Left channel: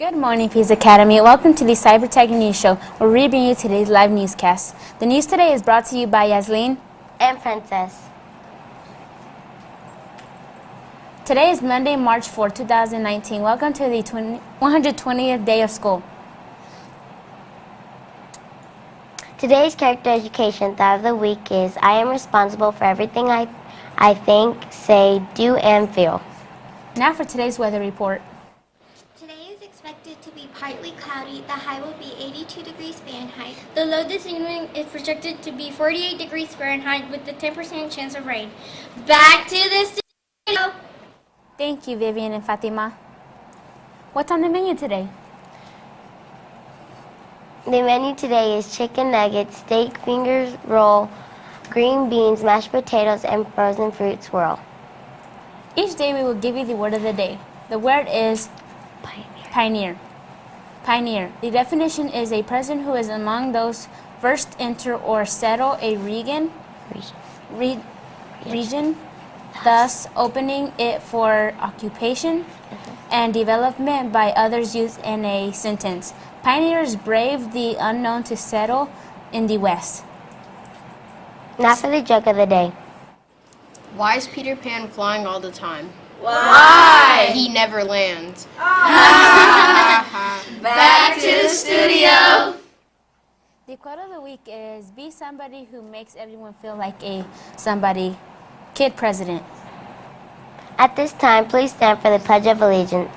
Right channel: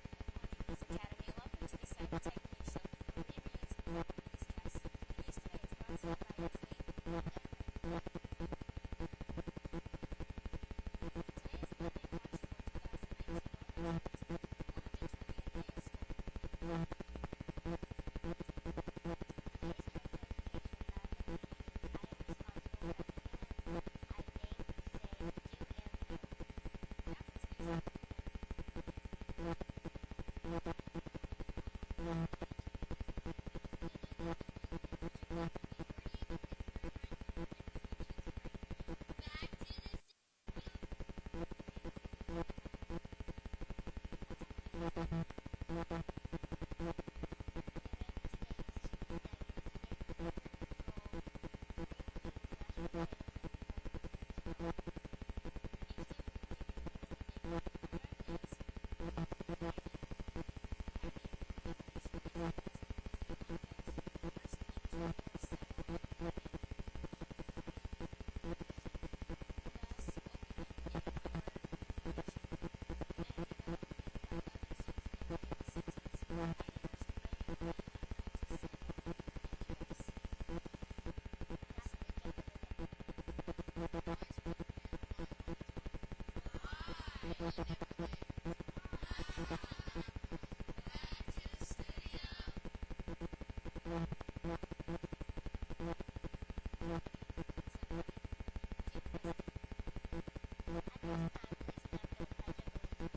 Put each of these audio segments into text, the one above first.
Good morning, Pease Academy. Welcome to the Cyber Tech News Show, where we bring you today's live newscast. The news today is brought to you by Yasleen and Princess. Today is Monday, March 4, 2019. Welcome to the 120th day of school. Today's character education thought of the week is, I am responsible for everything I think, say, do, and feel. Now for today's weather report. Today is expected to be partly cloudy. The high will be 82 degrees Fahrenheit. The low this evening is projected to be 48 degrees Fahrenheit with a 10% chance of rain. Back to the studio. Thank you, Vivian and Fatima. What's on the menu today? The menu today is chicken nuggets, steak fingers roll, green beans, mashed potatoes, and frozen fruit swirl. Each day we will give you the word of the day. The word is pioneer. Pioneer. The definition is a person who is among those first enter or settle a region, thus opening it for occupation and development by others used in a sentence. Pioneers braved the unknown to settle in the West. Now for the joke of the day. Why is Peter Pan flying all the time? Why? He never lands. Back to the studio. The quote of the week is, be somebody who makes everyone feel like a somebody. Kid President. At this time, please stand for the Pledge of Allegiance.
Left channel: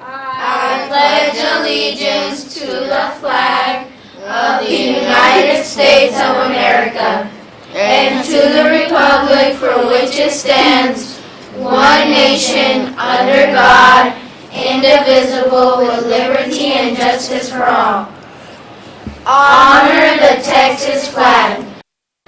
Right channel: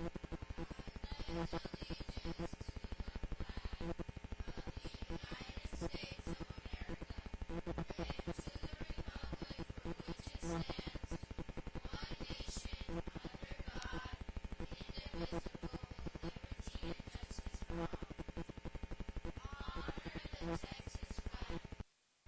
I pledge allegiance to the flag of the United States of America and to the republic for which it stands, one nation, under God, indivisible, with liberty and justice for all. Honor the Texas flag.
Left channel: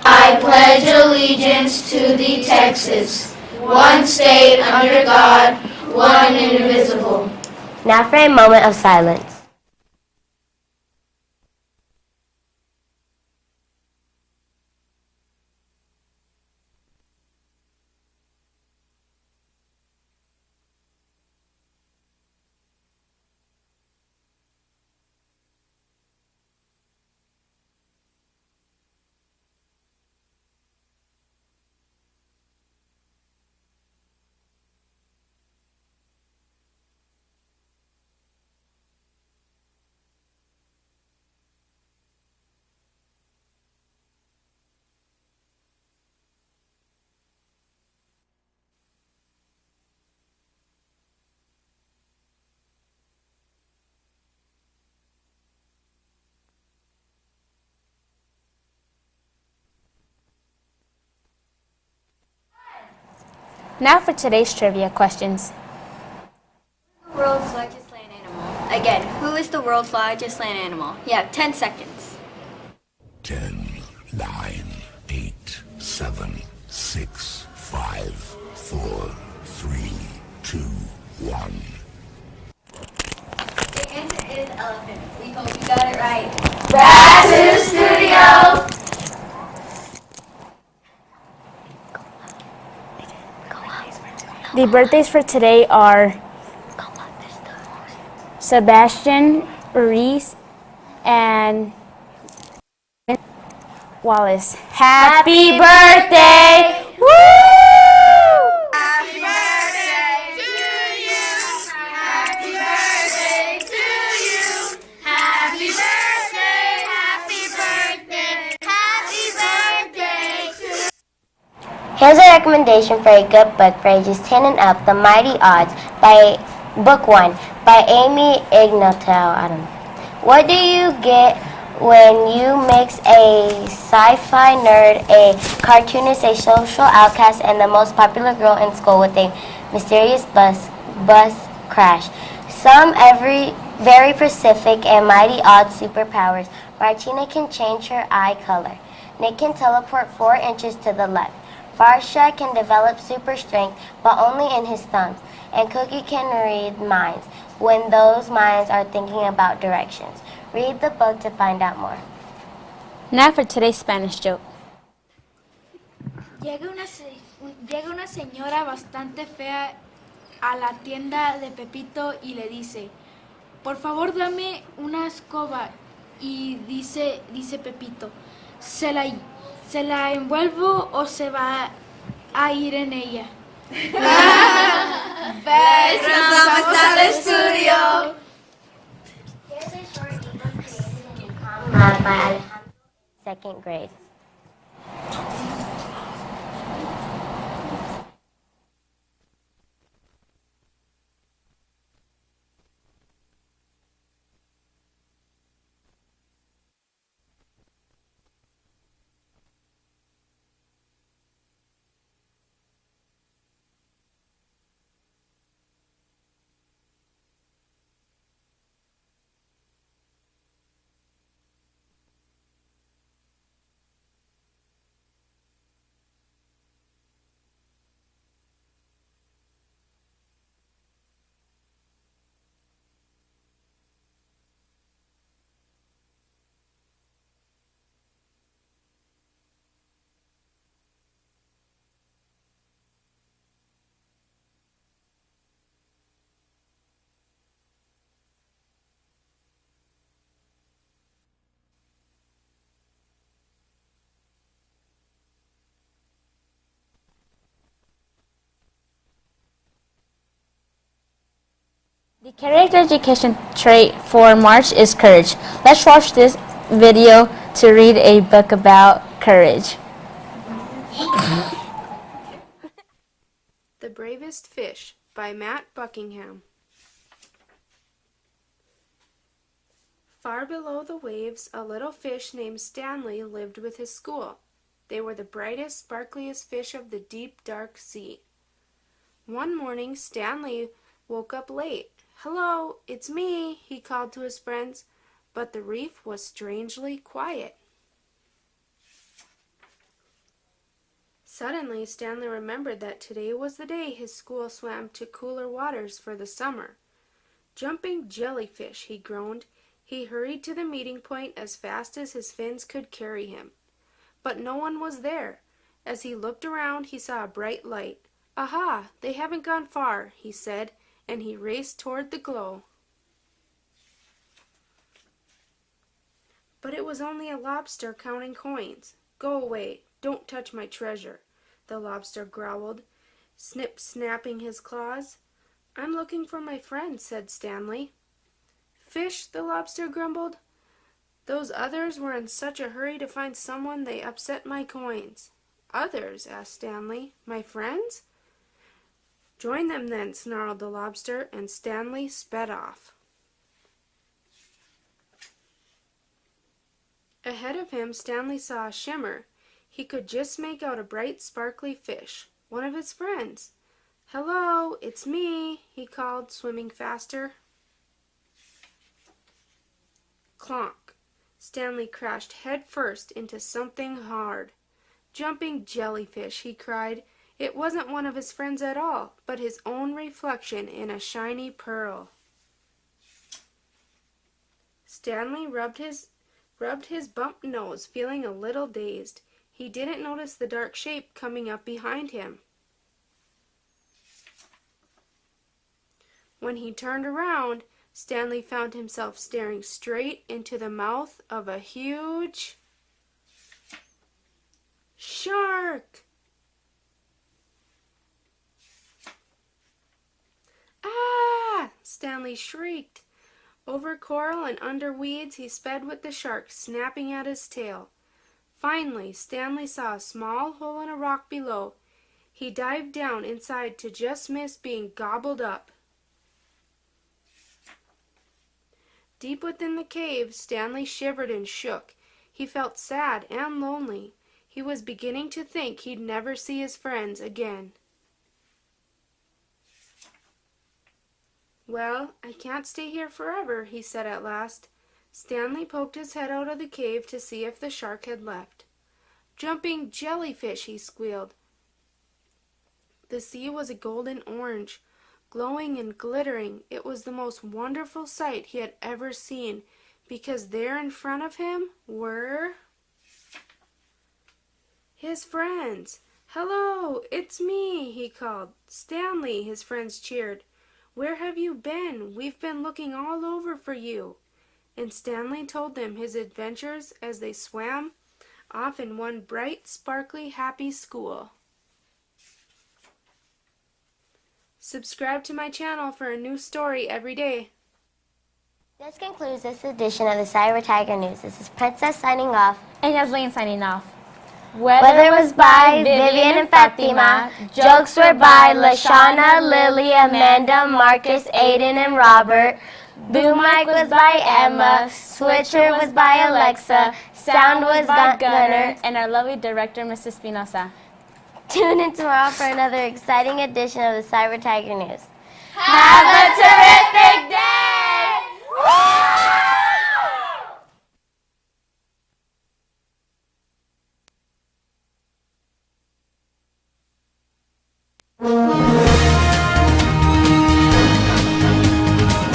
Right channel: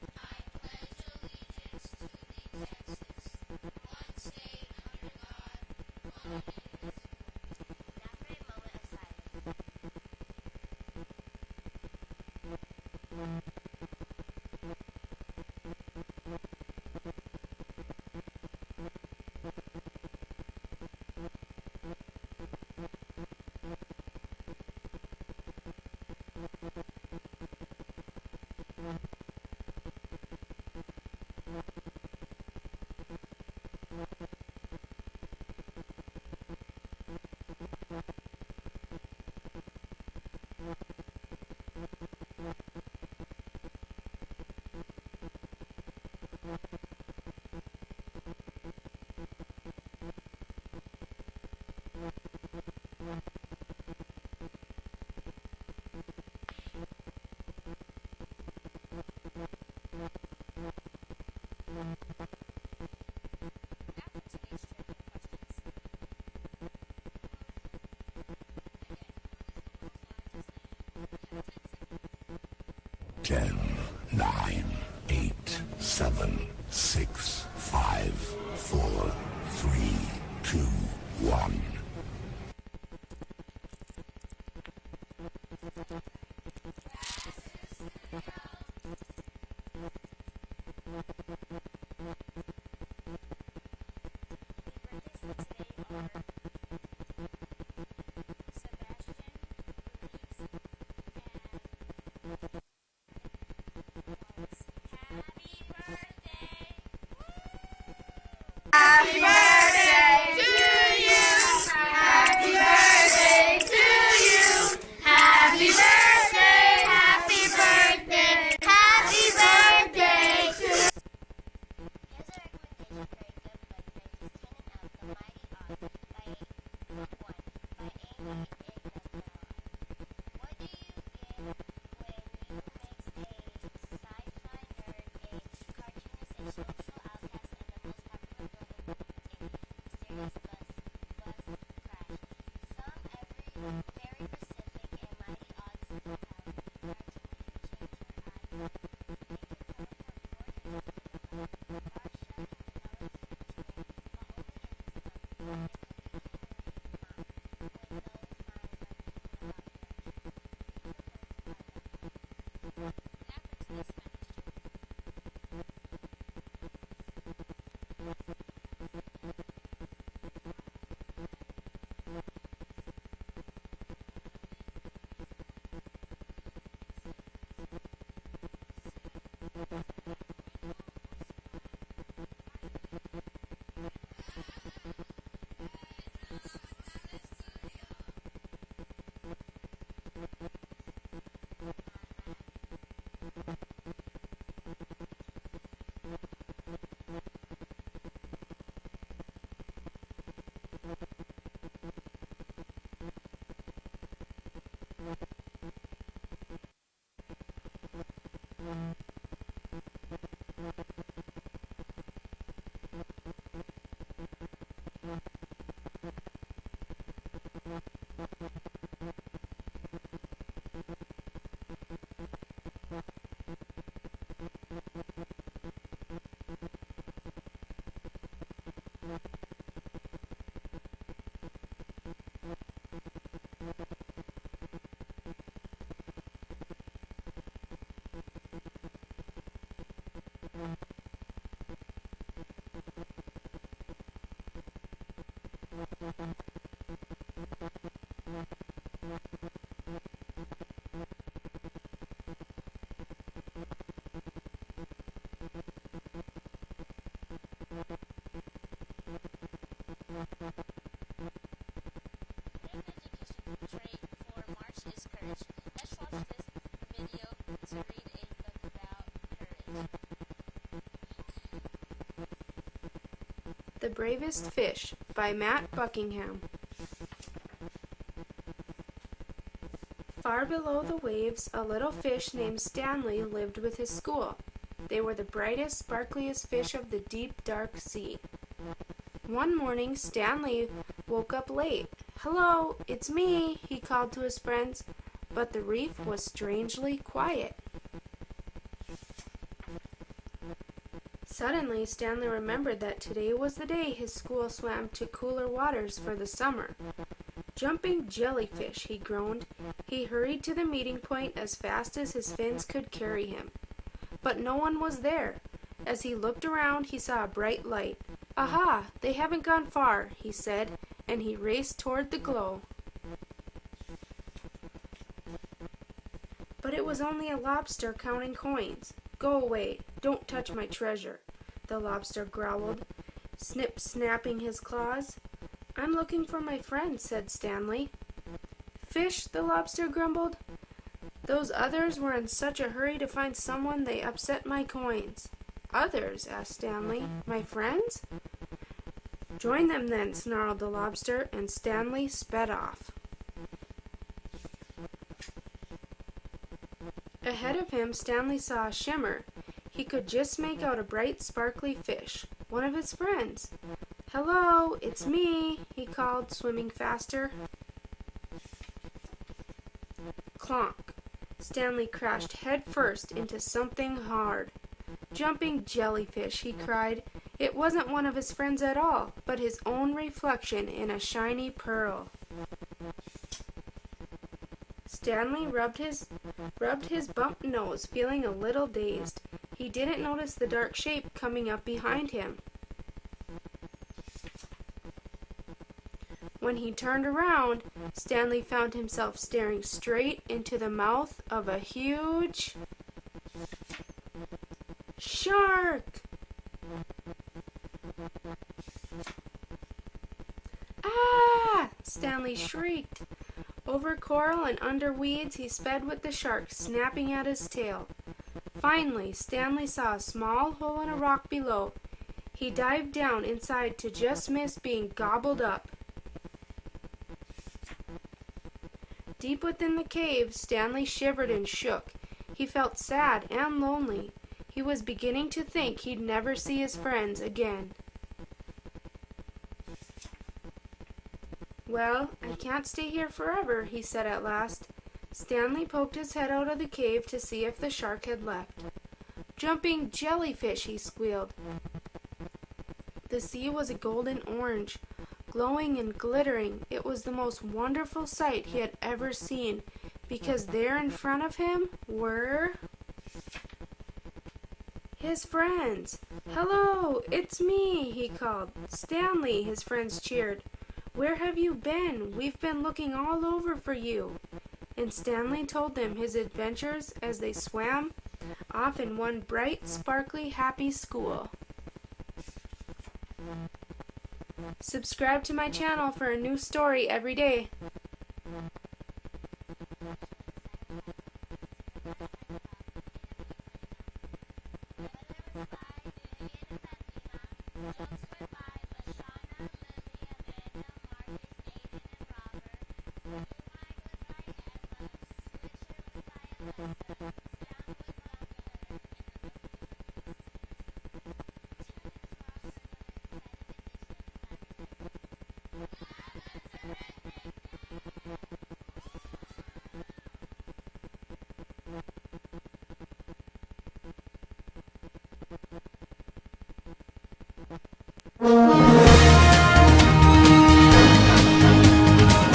I pledge allegiance to the Texas, one state under God, one indivisible. Now for a moment of silence. Now for today's trivia questions. World's largest land animal. Again, who is the world's largest land animal? You have 10 seconds. 10, 9, 8, 7, 6, 5, 4, 3, 2, 1. The answer is elephant. We hope you got it right. Back to the studio. The birthdays for today are Sebastian, Reese, and Wallace. Happy birthday! Woo! Happy birthday to you. Happy birthday to you. Happy birthday. Happy birthday. Happy birthday to you. Here's a recommendation for a good book for ages 10 and up, The Mighty Odds, by Book 1, by Amy Ignotel. I don't know. What do you get when you mix a sci-fi nerd, a cartoonist, a social outcast, and the most popular girl in school with a mysterious bus crash? Some very specific and mighty odd superpowers. Martina can change her eye color. Nick can teleport 4 inches to the left. Farsha can develop super strength, but only in his thumbs. And Cookie can read minds when those minds are thinking about directions. Read the book to find out more. Now for today's Spanish joke. Llega una señora bastante fea a la tienda de Pepito y le dice, por favor dame una escoba. Y dice Pepito, ¿se la envuelvo o se va a ir en ella? Regresamos al estudio. Here's a short ebook created in Calm Lab by Alejandro, second grade. The character education trait for March is courage. Let's watch this video to read a book about courage. The Bravest Fish by Matt Buckingham. Far below the waves, a little fish named Stanley lived with his school. They were the brightest, sparkliest fish of the deep, dark sea. One morning, Stanley woke up late. "Hello, it's me," he called to his friends, but the reef was strangely quiet. Suddenly, Stanley remembered that today was the day his school swam to cooler waters for the summer. "Jumping jellyfish," he groaned. He hurried to the meeting point as fast as his fins could carry him. But no one was there. As he looked around, he saw a bright light. "Aha, they haven't gone far," he said, and he raced toward the glow. But it was only a lobster counting coins. "Go away, don't touch my treasure," the lobster growled, snapping his claws. "I'm looking for my friend," said Stanley. "Fish," the lobster grumbled. "Those others were in such a hurry to find someone they upset my coins." "Others?" asked Stanley. "My friends?" "Join them then," snarled the lobster, and Stanley sped off. Ahead of him, Stanley saw a shimmer. He could just make out a bright, sparkly fish, one of his friends. "Hello, it's me," he called, swimming faster. Clonk! Stanley crashed head first into something hard. "Jumping jellyfish," he cried. It wasn't one of his friends at all, but his own reflection in a shiny pearl. Stanley rubbed his bumped nose, feeling a little dazed. He didn't notice the dark shape coming up behind him. When he turned around, Stanley found himself staring straight into the mouth of a huge shark. "Ah!" Stanley shrieked. Over coral and under weeds he sped with the shark snapping at his tail. Finally, Stanley saw a small hole in a rock below. He dived down inside to just miss being gobbled up. Deep within the cave, Stanley shivered and shook. He felt sad and lonely. He was beginning to think he'd never see his friends again. "Well, I can't stay here forever," he said at last. Stanley poked his head out of the cave to see if the shark had left. "Jumping jellyfish," he squealed. The sea was a golden orange, glowing and glittering. It was the most wonderful sight he had ever seen, because there in front of him were His friends. "Hello, it's me," he called. "Stanley," his friends cheered. "Where have you been? We've been looking all over for you." And Stanley told them his adventures as they swam off in one bright, sparkly, happy school. Subscribe to my channel for a new story every day. This concludes this edition of the Cyber Tiger News. This is Princess signing off. And Yasleen signing off. Weather was by Vivian and Fatima. Jokes were by Lashana, Lily, Amanda, Marcus, Aiden, and Robert. Boom mic was by Emma. Switcher was by Alexa. Sound was by Gunner. And our lovely director, Mrs. Espinosa. Tune in tomorrow for another exciting edition of the Cyber Tiger News. Have a